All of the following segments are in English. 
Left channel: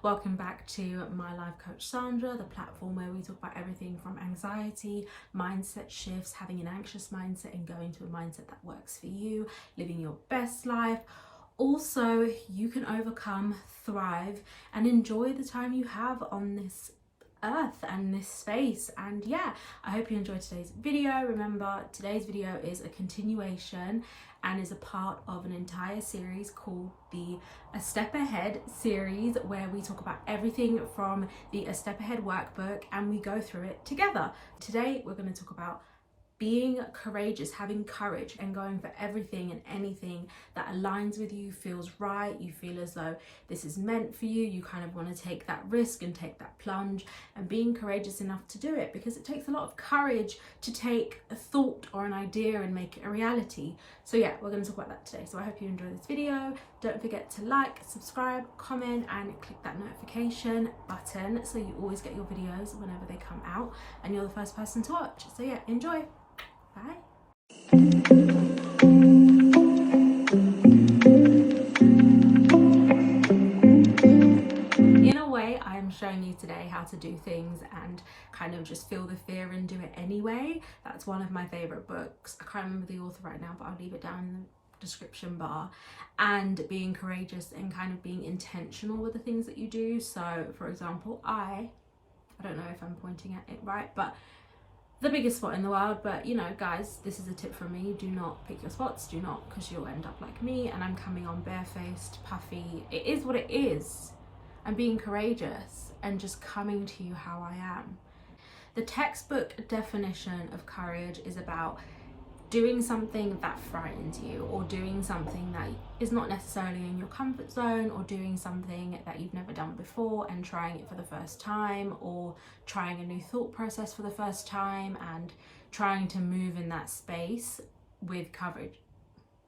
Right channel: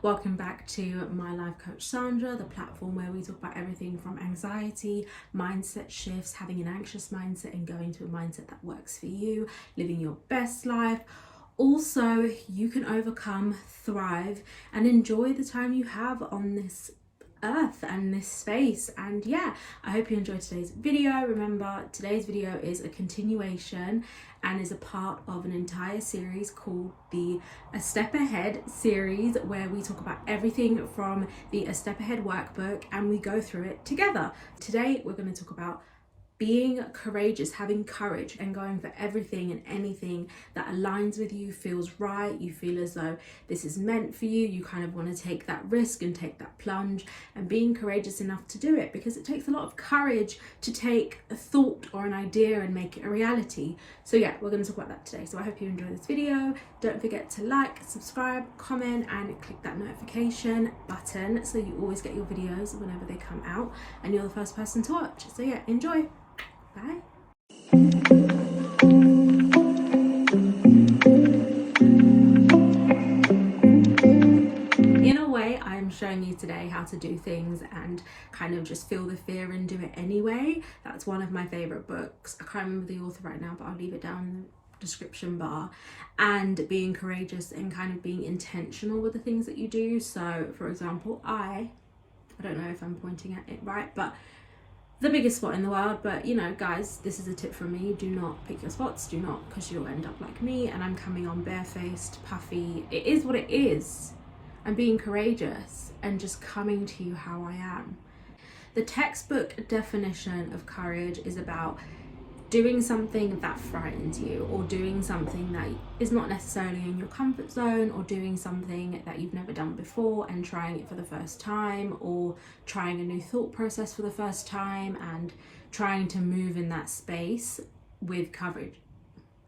Welcome back to My Life Coach Sandra, the platform where we talk about everything from anxiety, mindset shifts, having an anxious mindset and going to a mindset that works for you, living your best life. Also, you can overcome, thrive, and enjoy the time you have on this earth and this space. And yeah, I hope you enjoyed today's video. Remember, today's video is a continuation and is a part of an entire series called the A Step Ahead series, where we talk about everything from the A Step Ahead workbook and we go through it together. Today we're going to talk about being courageous, having courage and going for everything and anything that aligns with you, feels right, you feel as though this is meant for you, you kind of want to take that risk and take that plunge, and being courageous enough to do it, because it takes a lot of courage to take a thought or an idea and make it a reality. So yeah, we're going to talk about that today. So I hope you enjoy this video. Don't forget to like, subscribe, comment and click that notification button so you always get your videos whenever they come out and you're the first person to watch. So yeah, enjoy. Bye. In a way, I'm showing you today how to do things and kind of just feel the fear and do it anyway. That's one of my favorite books. I can't remember the author right now, but I'll leave it down in the description bar. And being courageous and kind of being intentional with the things that you do. So for example, I don't know if I'm pointing at it right, but the biggest spot in the world, but you know, guys, this is a tip from me: do not pick your spots, do not, because you'll end up like me. And I'm coming on barefaced, puffy. It is what it is. I'm being courageous and just coming to you how I am. The textbook definition of courage is about doing something that frightens you, or doing something that is not necessarily in your comfort zone, or doing something that you've never done before and trying it for the first time, or trying a new thought process for the first time and trying to move in that space with courage,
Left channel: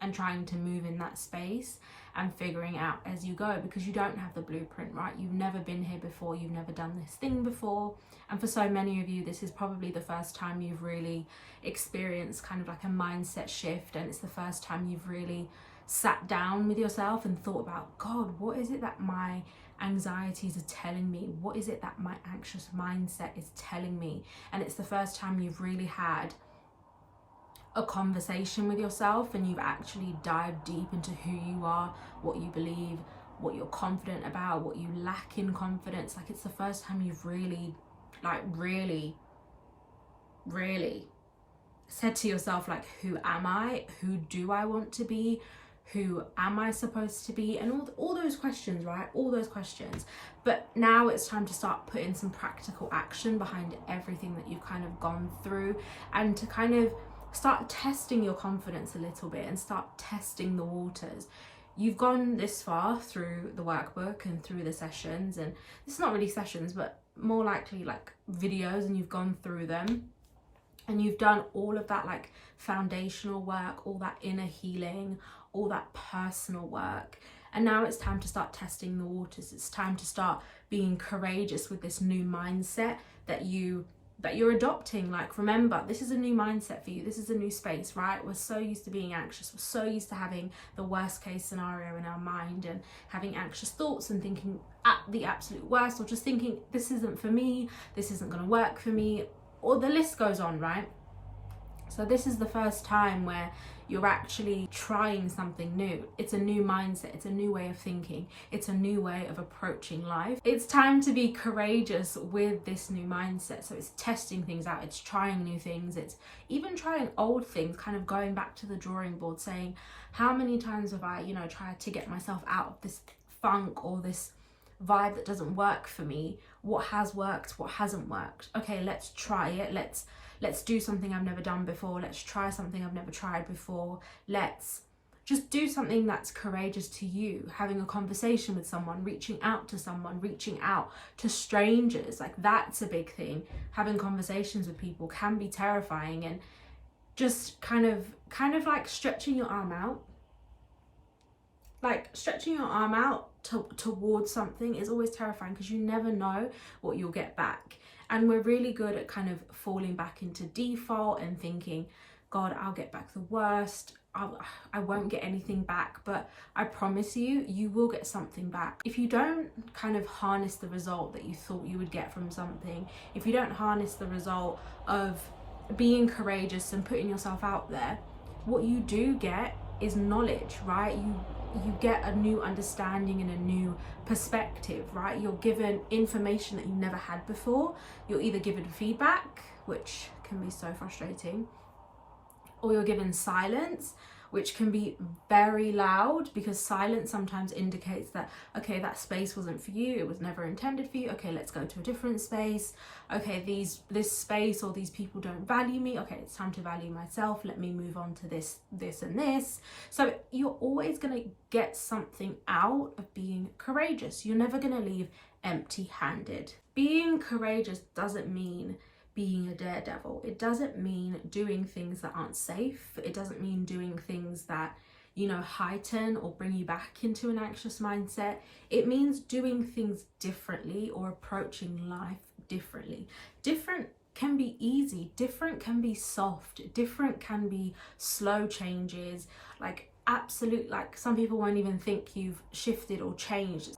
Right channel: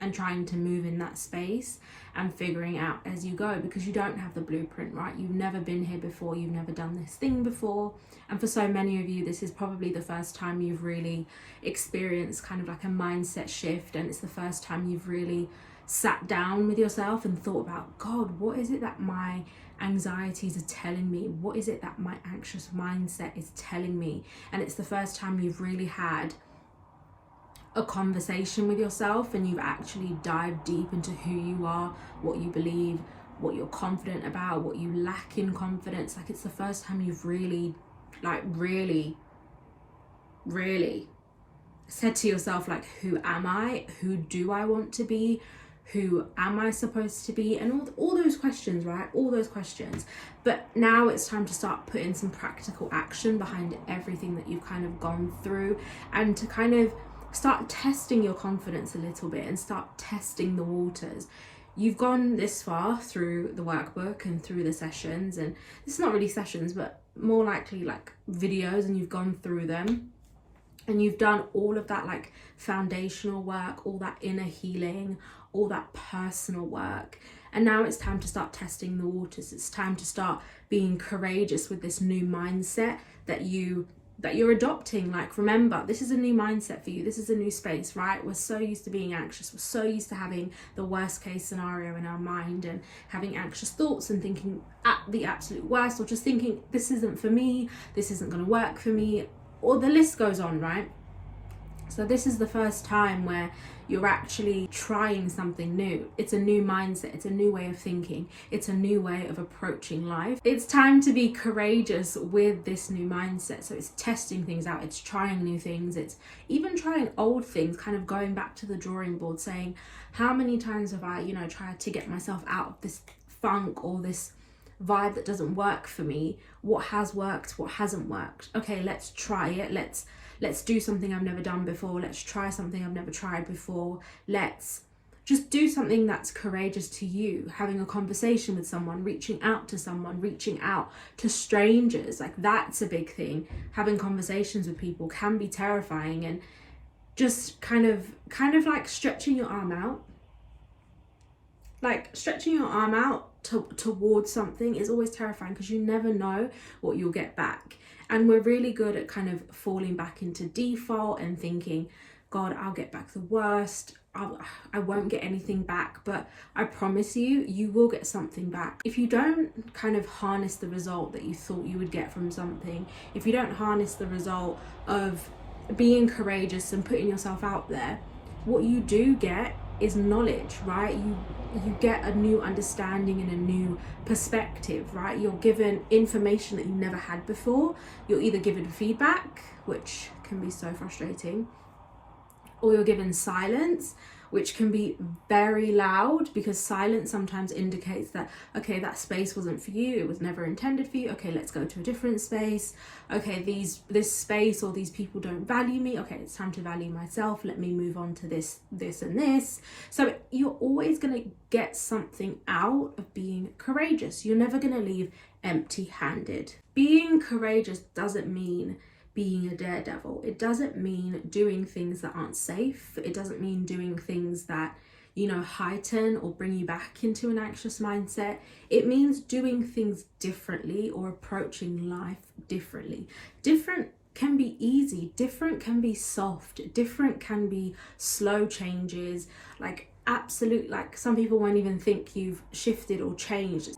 and trying to move in that space and figuring out as you go, because you don't have the blueprint, right? You've never been here before, you've never done this thing before. And for so many of you, this is probably the first time you've really experienced kind of like a mindset shift, and it's the first time you've really sat down with yourself and thought about, God, what is it that my anxieties are telling me? What is it that my anxious mindset is telling me? And it's the first time you've really had a conversation with yourself and you've actually dived deep into who you are, what you believe, what you're confident about, what you lack in confidence. Like, it's the first time you've really said to yourself, like, who am I? Who do I want to be? Who am I supposed to be? And all those questions, right? All those questions. But now it's time to start putting some practical action behind everything that you've kind of gone through, and to kind of start testing your confidence a little bit and start testing the waters. You've gone this far through the workbook and through the sessions, and it's not really sessions, but more likely like videos, and you've gone through them and you've done all of that like foundational work, all that inner healing, all that personal work. And now it's time to start testing the waters. It's time to start being courageous with this new mindset that you're adopting. Like, remember, this is a new mindset for you. This is a new space, right? We're so used to being anxious. We're so used to having the worst case scenario in our mind and having anxious thoughts and thinking at the absolute worst, or just thinking this isn't for me, this isn't going to work for me, or the list goes on, right? So this is the first time where you're actually trying something new. It's a new mindset, it's a new way of thinking, it's a new way of approaching life. It's time to be courageous with this new mindset. So it's testing things out, it's trying new things, it's even trying old things, kind of going back to the drawing board, saying, how many times have I, tried to get myself out of this funk or this vibe that doesn't work for me? What has worked, what hasn't worked? Okay, let's try it. Let's do something I've never done before. Let's try something I've never tried before. Let's just do something that's courageous to you. Having a conversation with someone, reaching out to someone, reaching out to strangers. Like, that's a big thing. Having conversations with people can be terrifying, and just kind of like stretching your arm out. Like, stretching your arm out towards something is always terrifying, because you never know what you'll get back. And we're really good at kind of falling back into default and thinking, God, I'll get back the worst, I won't get anything back. But I promise you, you will get something back. If you don't kind of harness the result that you thought you would get from something, if you don't harness the result of being courageous and putting yourself out there, what you do get is knowledge, right? You get a new understanding and a new perspective, right? You're given information that you never had before. You're either given feedback, which can be so frustrating, or you're given silence, which can be very loud, because silence sometimes indicates that, okay, that space wasn't for you, it was never intended for you, okay, let's go to a different space, okay, this space or these people don't value me, okay, it's time to value myself, let me move on to this and this. So you're always going to get something out of being courageous. You're never going to leave empty-handed. Being courageous doesn't mean being a daredevil. It doesn't mean doing things that aren't safe. It doesn't mean doing things that, heighten or bring you back into an anxious mindset. It means doing things differently or approaching life differently. Different can be easy, different can be soft, different can be slow changes, like some people won't even think you've shifted or changed.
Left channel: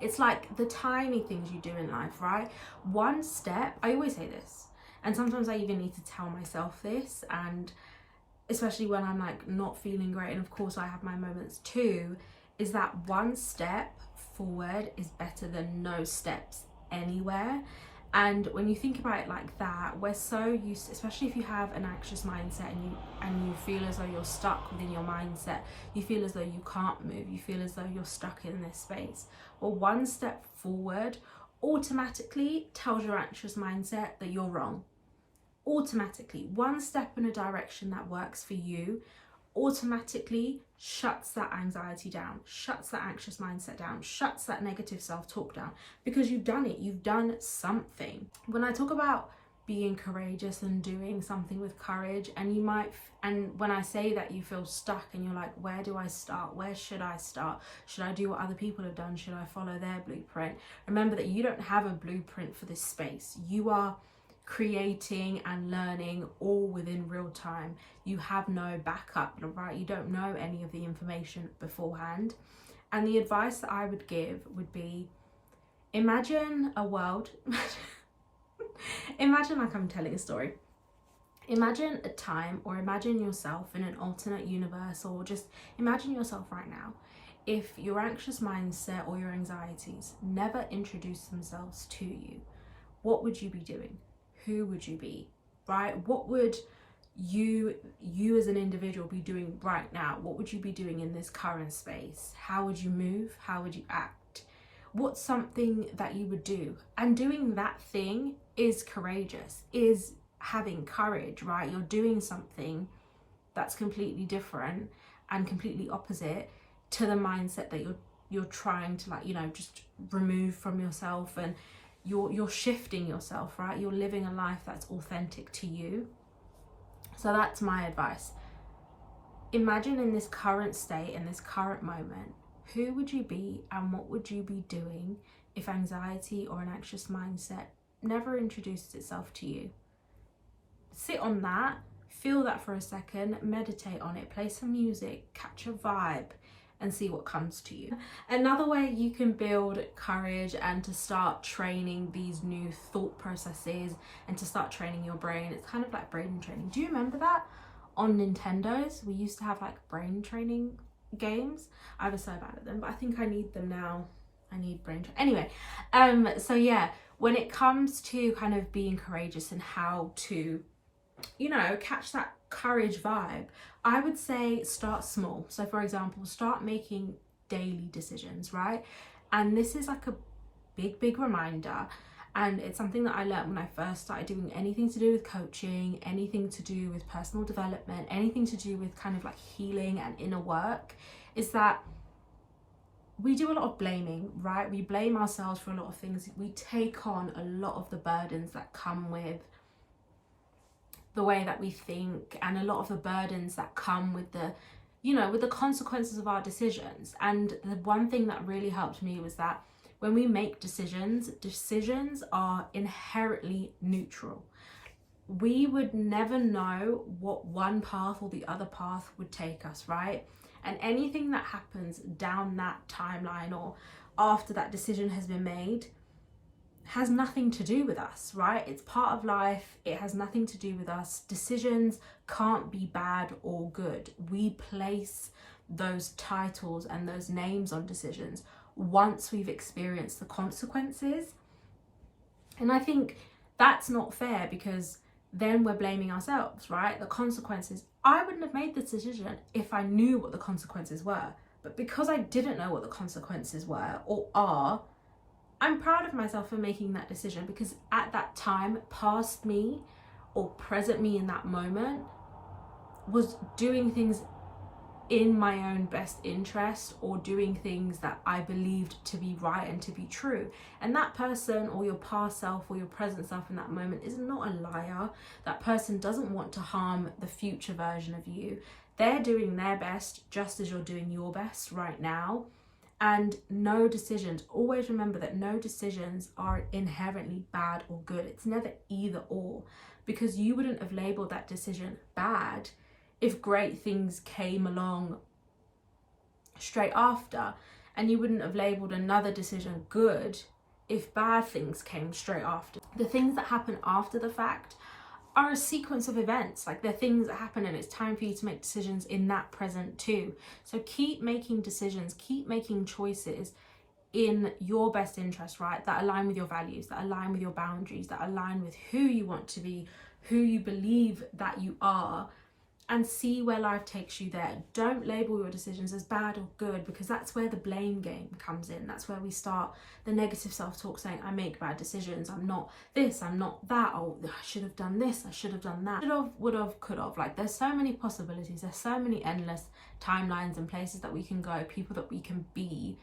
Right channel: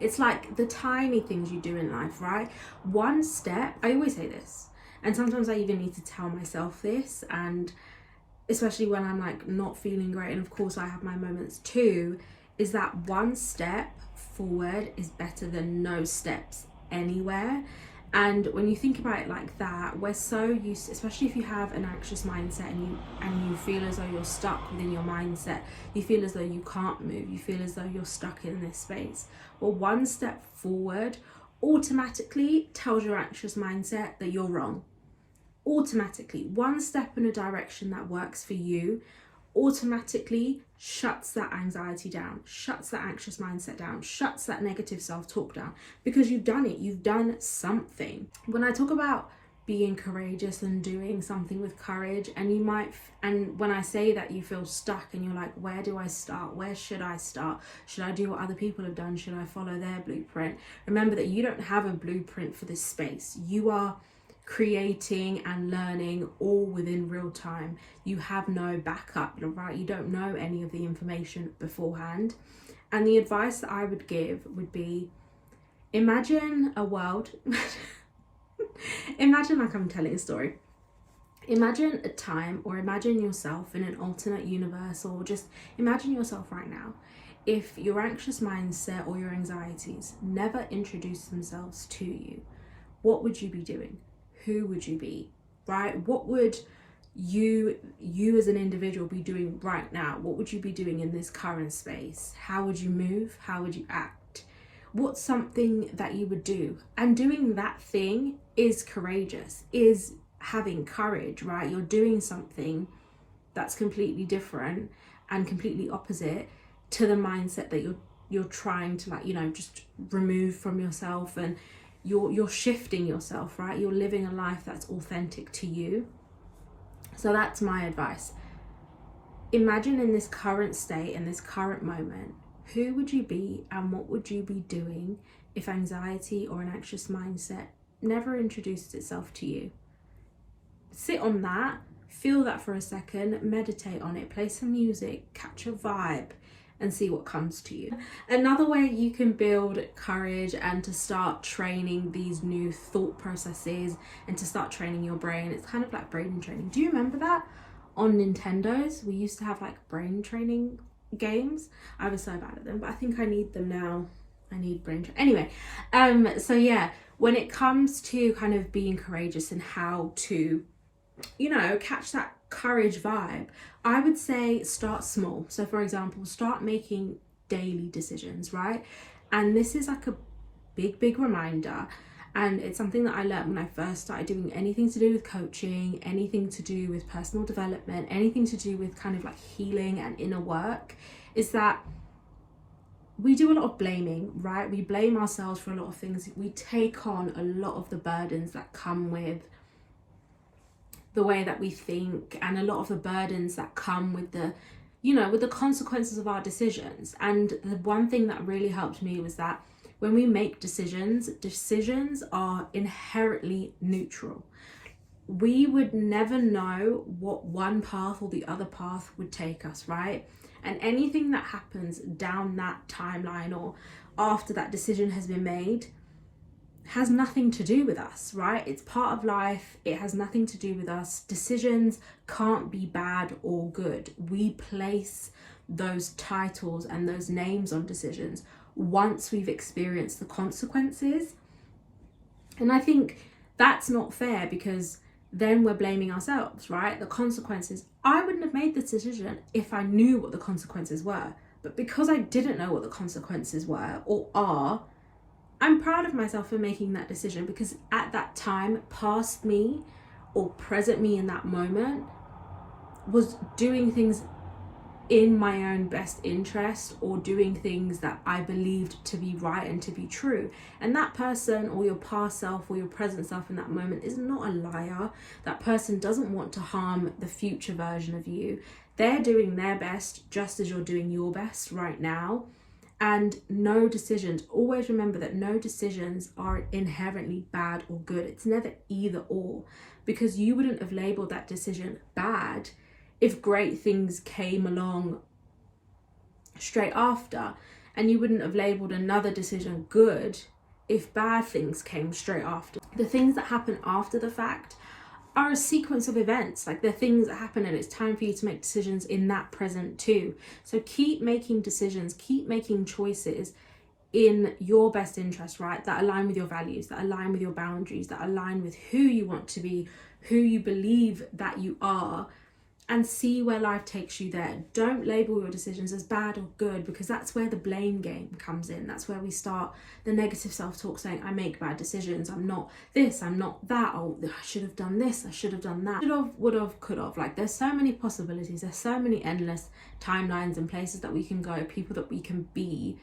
It's like the tiny things you do in life, right? One step, I always say this, and sometimes I even need to tell myself this, and especially when I'm like not feeling great, and of course I have my moments too, is that one step forward is better than no steps anywhere. And when you think about it like that, we're so used, especially if you have an anxious mindset and you feel as though you're stuck within your mindset, you feel as though you can't move, you feel as though you're stuck in this space. Well, one step forward automatically tells your anxious mindset that you're wrong. Automatically, one step in a direction that works for you automatically shuts that anxiety down, shuts that anxious mindset down, shuts that negative self-talk down, because you've done it, you've done something. When I talk about being courageous and doing something with courage, and when I say that you feel stuck and you're like, where do I start? Where should I start? Should I do what other people have done? Should I follow their blueprint? Remember that you don't have a blueprint for this space. You are creating and learning all within real time. You have no backup, right? You don't know any of the information beforehand. And the advice that I would give would be, imagine a world, imagine like I'm telling a story. Imagine a time, or imagine yourself in an alternate universe, or just imagine yourself right now. If your anxious mindset or your anxieties never introduced themselves to you, what would you be doing? Who would you be, right? What would you as an individual be doing right now? What would you be doing in this current space? How would you move? How would you act? What's something that you would do? And doing that thing is courageous, is having courage, right? You're doing something that's completely different and completely opposite to the mindset that you're trying to just remove from yourself, and you're shifting yourself, right? You're living a life that's authentic to you. So that's my advice. Imagine in this current state, in this current moment, who would you be and what would you be doing if anxiety or an anxious mindset never introduced itself to you? Sit on that, feel that for a second, meditate on it, play some music, catch a vibe, and see what comes to you. Another way you can build courage and to start training these new thought processes and to start training your brain, it's kind of like brain training. Do you remember that on Nintendos? We used to have like brain training games. I was so bad at them, but I think I need them now. I need brain training. Anyway, so yeah, when it comes to kind of being courageous and how to, catch that courage vibe, I would say start small. So for example, start making daily decisions, right? And this is like a big reminder, and it's something that I learned when I first started doing anything to do with coaching, anything to do with personal development, anything to do with kind of like healing and inner work, is that we do a lot of blaming, right? We blame ourselves for a lot of things. We take on a lot of the burdens that come with the way that we think, and a lot of the burdens that come with the consequences of our decisions. And the one thing that really helped me was that when we make decisions are inherently neutral. we would never know what one path or the other path would take us, right? And anything that happens down that timeline or after that decision has been made has nothing to do with us, right? It's part of life. It has nothing to do with us. Decisions can't be bad or good. We place those titles and those names on decisions once we've experienced the consequences. And I think that's not fair, because then we're blaming ourselves, right? The consequences. I wouldn't have made the decision if I knew what the consequences were. But because I didn't know what the consequences were or are, I'm proud of myself for making that decision, because at that time, past me or present me in that moment was doing things in my own best interest, or doing things that I believed to be right and to be true. And that person, or your past self or your present self in that moment, is not a liar. That person doesn't want to harm the future version of you. They're doing their best just as you're doing your best right now. And no decisions, always remember that no decisions are inherently bad or good. It's never either or, because you wouldn't have labeled that decision bad if great things came along straight after, and you wouldn't have labeled another decision good if bad things came straight after. The things that happen after the fact are a sequence of events. Like, they're things that happen, and it's time for you to make decisions in that present too. So keep making decisions, keep making choices in your best interest, right? That align with your values, that align with your boundaries, that align with who you want to be, who you believe that you are, and see where life takes you there. Don't label your decisions as bad or good, because that's where the blame game comes in. That's where we start the negative self-talk, saying, I make bad decisions, I'm not this, I'm not that, oh, I should have done this, I should have done that. Should have, would have, could have. Like, there's so many possibilities, there's so many endless timelines and places that we can go, people that we can be.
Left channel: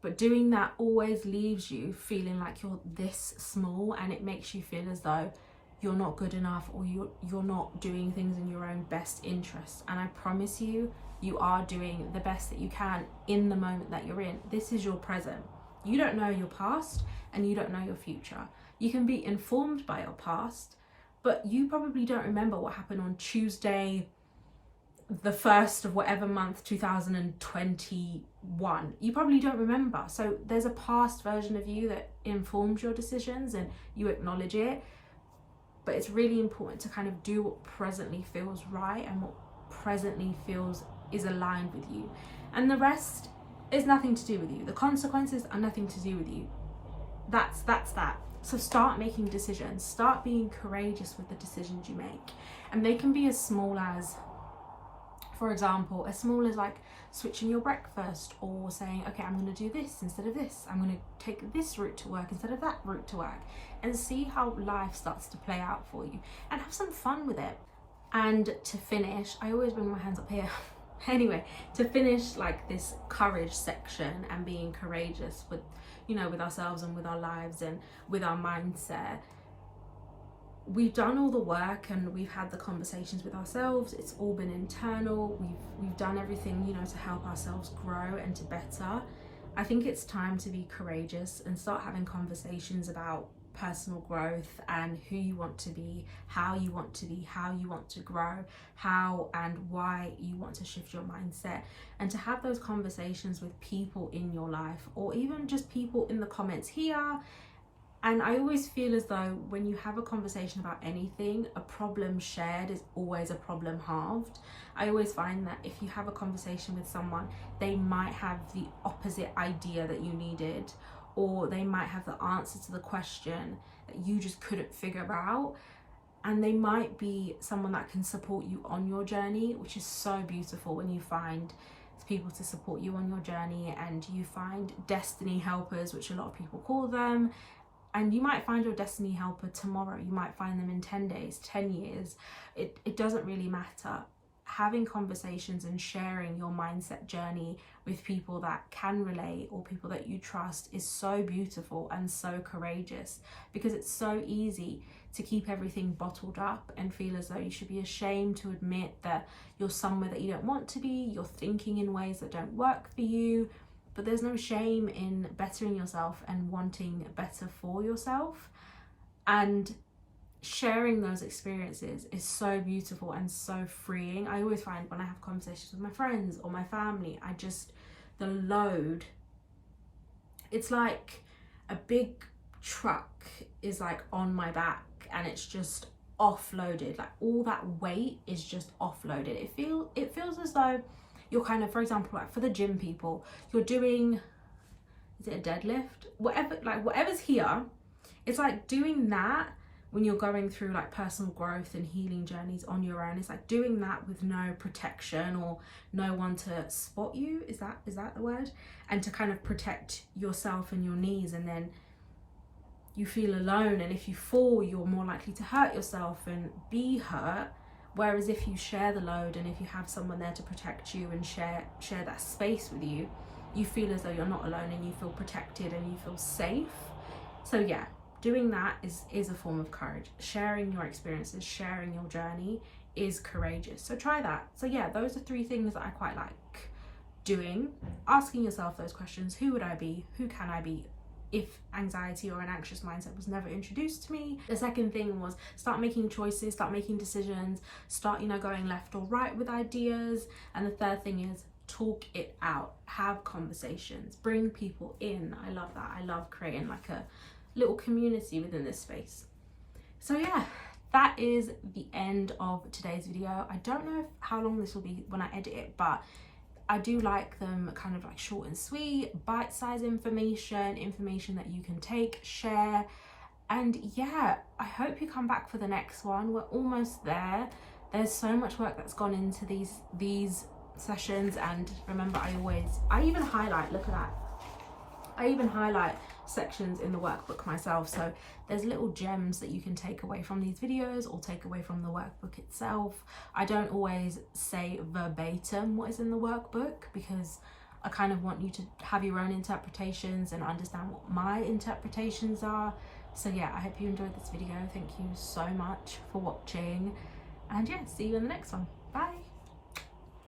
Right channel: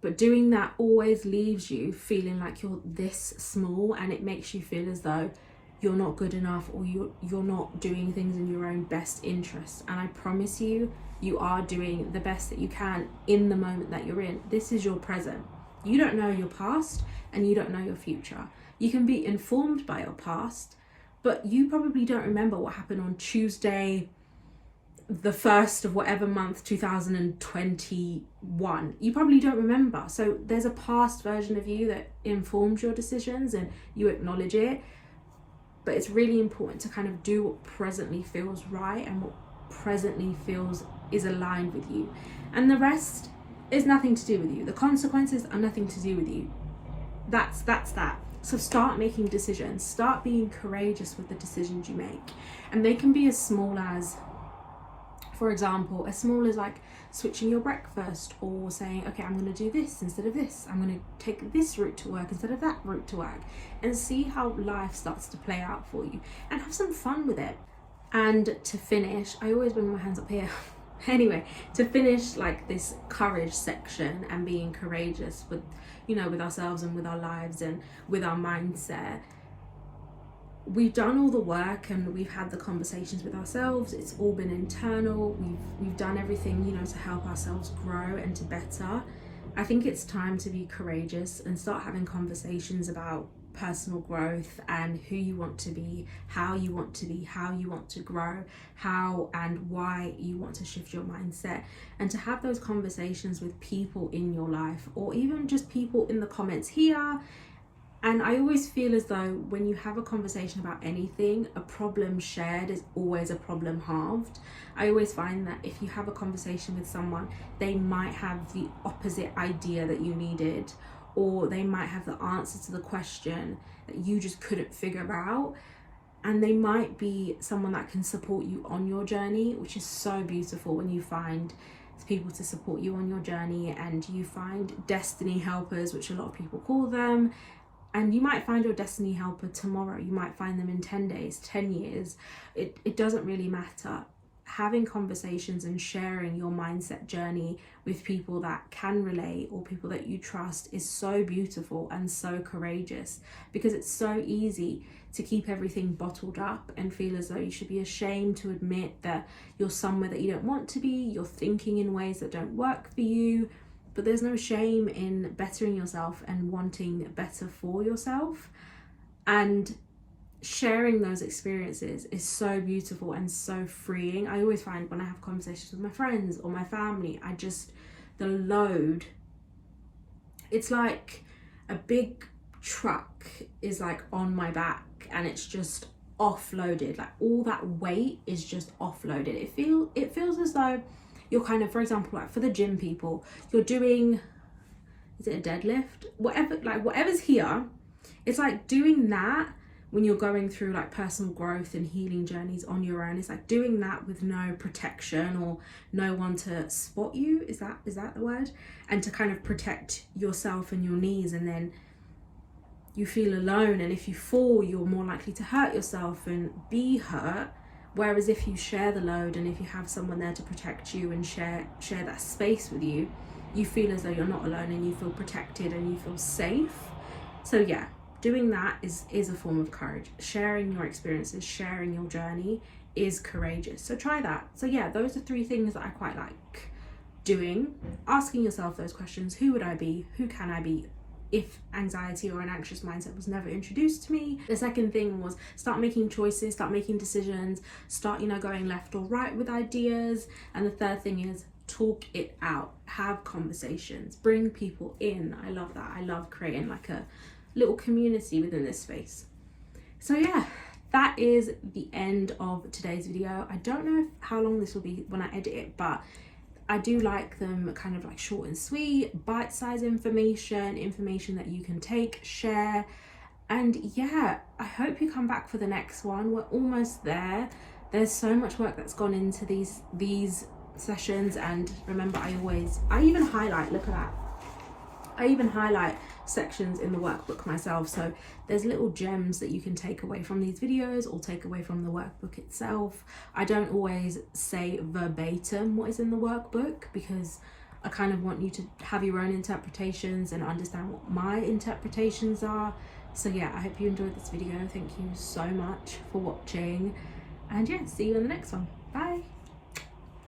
But doing that always leaves you feeling like you're this small, and it makes you feel as though you're not good enough, or you're not doing things in your own best interest. And I promise you, you are doing the best that you can in the moment that you're in. This is your present. You don't know your past, and you don't know your future. You can be informed by your past, but you probably don't remember what happened on Tuesday, the 1st of whatever month, 2021. You probably don't remember. So there's a past version of you that informs your decisions, and you acknowledge it. But it's really important to kind of do what presently feels right, and what presently feels is aligned with you. And the rest is nothing to do with you. The consequences are nothing to do with you. That's that. So start making decisions. Start being courageous with the decisions you make. And they can be as small as, for example, as small as like switching your breakfast, or saying, okay, I'm going to do this instead of this. I'm going to take this route to work instead of that route to work, and see how life starts to play out for you, and have some fun with it. And to finish, I always bring my hands up here. Anyway, to finish like this courage section and being courageous with, you know, with ourselves and with our lives and with our mindset. We've done all the work, and we've had the conversations with ourselves. It's all been internal. We've done everything, you know, to help ourselves grow and to better. I think it's time to be courageous and start having conversations about personal growth and who you want to be, how you want to be, how you want to grow, how and why you want to shift your mindset, and to have those conversations with people in your life, or even just people in the comments here. And I always feel as though when you have a conversation about anything, a problem shared is always a problem halved. I always find that if you have a conversation with someone, they might have the opposite idea that you needed, or they might have the answer to the question that you just couldn't figure out. And they might be someone that can support you on your journey, which is so beautiful when you find people to support you on your journey, and you find destiny helpers, which a lot of people call them. And you might find your destiny helper tomorrow. You might find them in 10 days, 10 years. It doesn't really matter. Having conversations and sharing your mindset journey with people that can relate, or people that you trust, is so beautiful and so courageous, because it's so easy to keep everything bottled up and feel as though you should be ashamed to admit that you're somewhere that you don't want to be, you're thinking in ways that don't work for you. But there's no shame in bettering yourself and wanting better for yourself. And sharing those experiences is so beautiful and so freeing. I always find when I have conversations with my friends or my family, the load, it's like a big truck is like on my back and it's just offloaded. Like all that weight is just offloaded. It feels as though you're kind of, for example, like for the gym people, you're doing, is it a deadlift? Whatever's here, it's like doing that when you're going through like personal growth and healing journeys on your own. It's like doing that with no protection or no one to spot you. Is that the word? And to kind of protect yourself and your knees, and then you feel alone, and if you fall, you're more likely to hurt yourself and be hurt. Whereas if you share the load and if you have someone there to protect you and share that space with you, you feel as though you're not alone and you feel protected and you feel safe. So yeah, doing that is a form of courage. Sharing your experiences, sharing your journey is courageous. So try that. So yeah, those are 3 things that I quite like doing. Asking yourself those questions. Who would I be? Who can I be? If anxiety or an anxious mindset was never introduced to me. The second thing was start making choices, start making decisions, start, going left or right with ideas. And the third thing is talk it out, have conversations, bring people in. I love that. I love creating like a little community within this space. So yeah, that is the end of today's video. I don't know how long this will be when I edit it, but I do like them kind of like short and sweet, bite-sized information that you can take, share. And yeah, I hope you come back for the next one. We're almost there. There's so much work that's gone into these sessions, and remember, I even highlight, look at that, I even highlight sections in the workbook myself. So there's little gems that you can take away from these videos or take away from the workbook itself. I don't always say verbatim what is in the workbook because I kind of want you to have your own interpretations and understand what my interpretations are. So yeah, I hope you enjoyed this video. Thank you so much for watching, and yeah, see you in the next one. Bye.